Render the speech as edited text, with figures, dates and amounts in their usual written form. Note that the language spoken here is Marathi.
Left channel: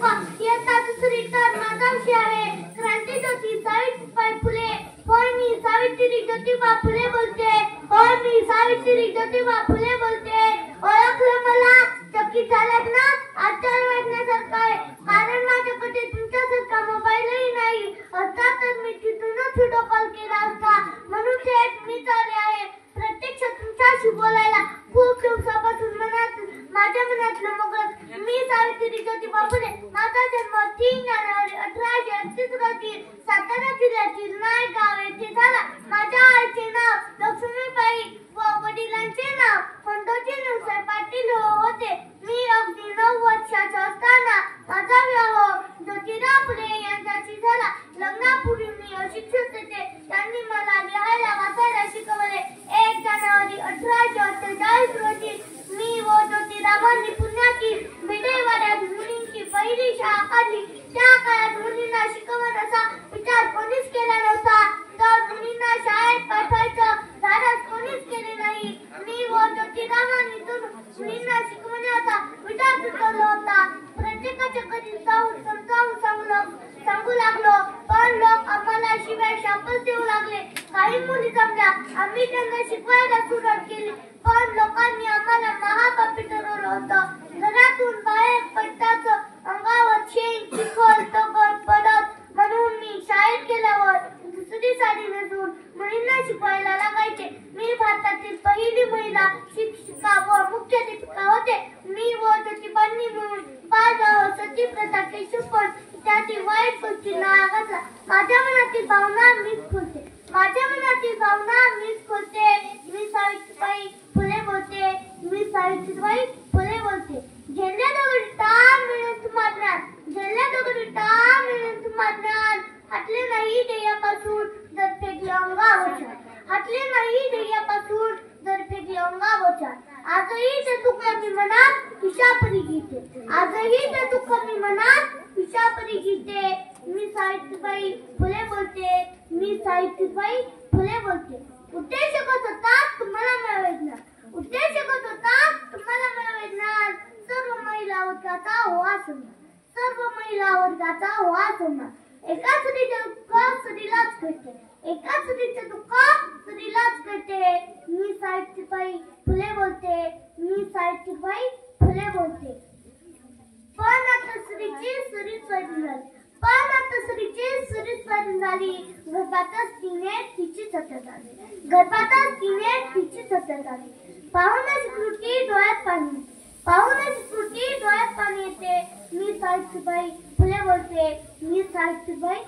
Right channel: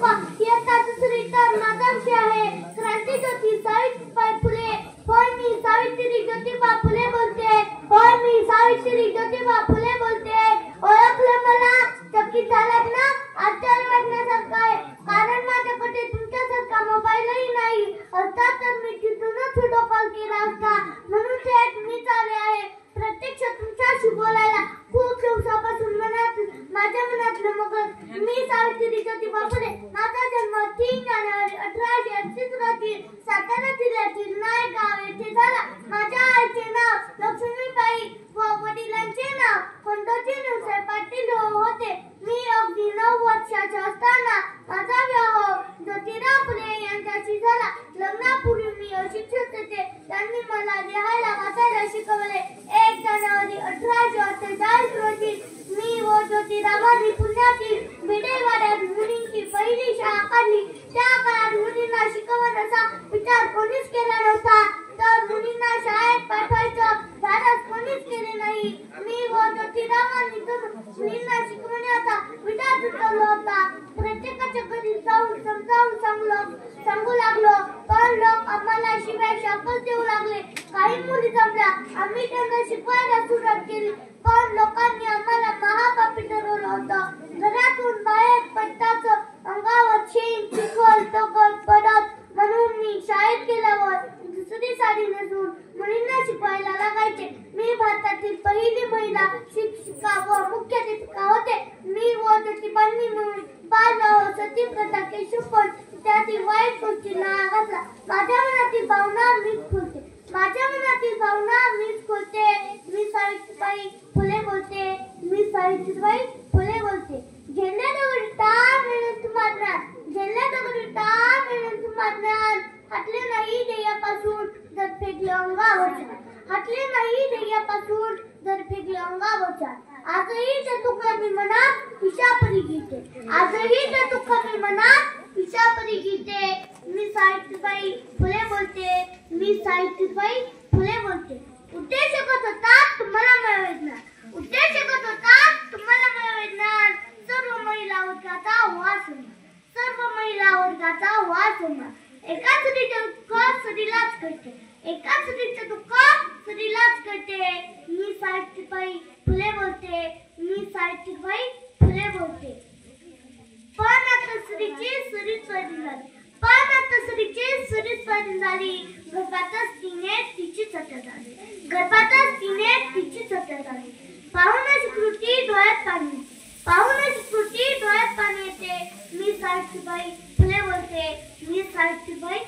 तुका इयत्ता दुसरी तर माझा विषय आहे क्रांतीज्योती सावित्रीबाई फुले. होय मी सावित्री ज्योतिबा फुले बोलते. होय मी सावित्री ज्योतिबा फुले बोलते. ओळखलं मला चकित झालात ना? आश्चर्य वाटण्यासारखं आहे कारण माझ्याकडे तुमच्यासारखा मोबाईलही नाही असता तर मी तिथूनच व्हिडिओ कॉल केला असता. म्हणून थेट मीच आले आहे प्रत्यक्ष तुमच्याशी बोलायला. खूप दिवसापासून माझ्या मनातलं मगत मी सावित्री ज्योतिबा फुले. माझा जन्म 3 जानेवारी 1838 रोजी सातारा जिल्ह्यातील नायक गाव येथे झाला. माझ्या आईचे नाव लक्ष्मीबाई व वडिलांचे नाव खंडोजी निवसाहेब पाटील होते. मी अगदी 9 वर्षाचा असताना माझा विवाह ज्योतिराव फुले यांच्याशी झाला. लग्नापूर्वी मी अशिक्षित होते. त्यांनी मला लिहायला वाचायला शिकवले. 1 जानेवारी 1848 रोजी मी व ज्योतिरावांनी पुण्यातील भिडेवाड्यात मुलींची पहिली शाळा काढली. त्या काळात मुलींना शिकवण्याचा विचार कोणीच केला नव्हता. तर मुलींना शाळेत पाठवायचं धाडस कोणीच केले नाही. मी व ज्योतिरावांनी मुलींना शिकवण्याचा विचार सुचवला होता. प्रत्येकाच्या घरी जाऊन सांगू लागलो पण लोक आम्हाला शिवाय शापच देऊ लागले. काही मुली जमल्या आम्ही त्यांना शिकवायला सुरुवात केली पण लोकांनी आम्हाला महापापी ठरवलं होतं. घरातून बाहेर पडताच अंगावर शेण चिखल दगड पडत. म्हणून मी शाळेत गेल्यावर दुसरी साडी नेसून मुलींना शिकवायला लागायचे. मी भारतातील पहिली महिला शिक्षिका व मुख्याध्यापिका होते. मी व ज्योतिबांनी मिळून बालविवाह सती प्रथा केशवपण इत्यादी वाईट गोष्टींना घातला. माझ्या मनातील भावना मीच बोलते. माझ्या मनातील भावना मीच बोलते. मी सावित्रीबाई फुले बोलते. मी सावित्रीबाई फुले बोलते. गेल्या दगडी टाळ मिळून तुम्हाला गेल्या दगडी टाळ मिळून तुम्हाला हटले नाही ध्येयापासून जर फेकले अंगावर. हटले नाही ध्येयापासून जर फेकले अंगावर. आजही ते दुःख मी मनात विषापरी गीते. आजही ते दुःख मी मनात विषापरी गीते. मी सावित्रीबाई फुले बोलते. मी सावित्रीबाई फुले बोलते. उद्देश एकच होता तुम्हाला मिळवणार. उद्देश एकच होता तुम्हाला मिळवणार. सर्व महिला वर्गाचा वास होणार. सर्व महिला वर्गाचा वास होणार. एका स्त्रीचे दुःख स्त्रीलाच कळते. एका स्त्रीचे दुःख स्त्रीलाच कळते. मी सावित्रीबाई फुले बोलते. मी सावित्रीबाई फुले बोलते. पण आता स्त्रीची सरीच पैदा झाली. पण आता स्त्रीची सरीच पैदा झाली. गर्भातच तिने तिचीच हत्या झाली. गर्भातच तिने तिचीच हत्या झाली. पाहूनच कृती डोळ्यात पाणी. पाहूनच कृती डोळ्यात पाणी येते. मी सावित्रीबाई फुले बोलते. मी सावित्रीबाई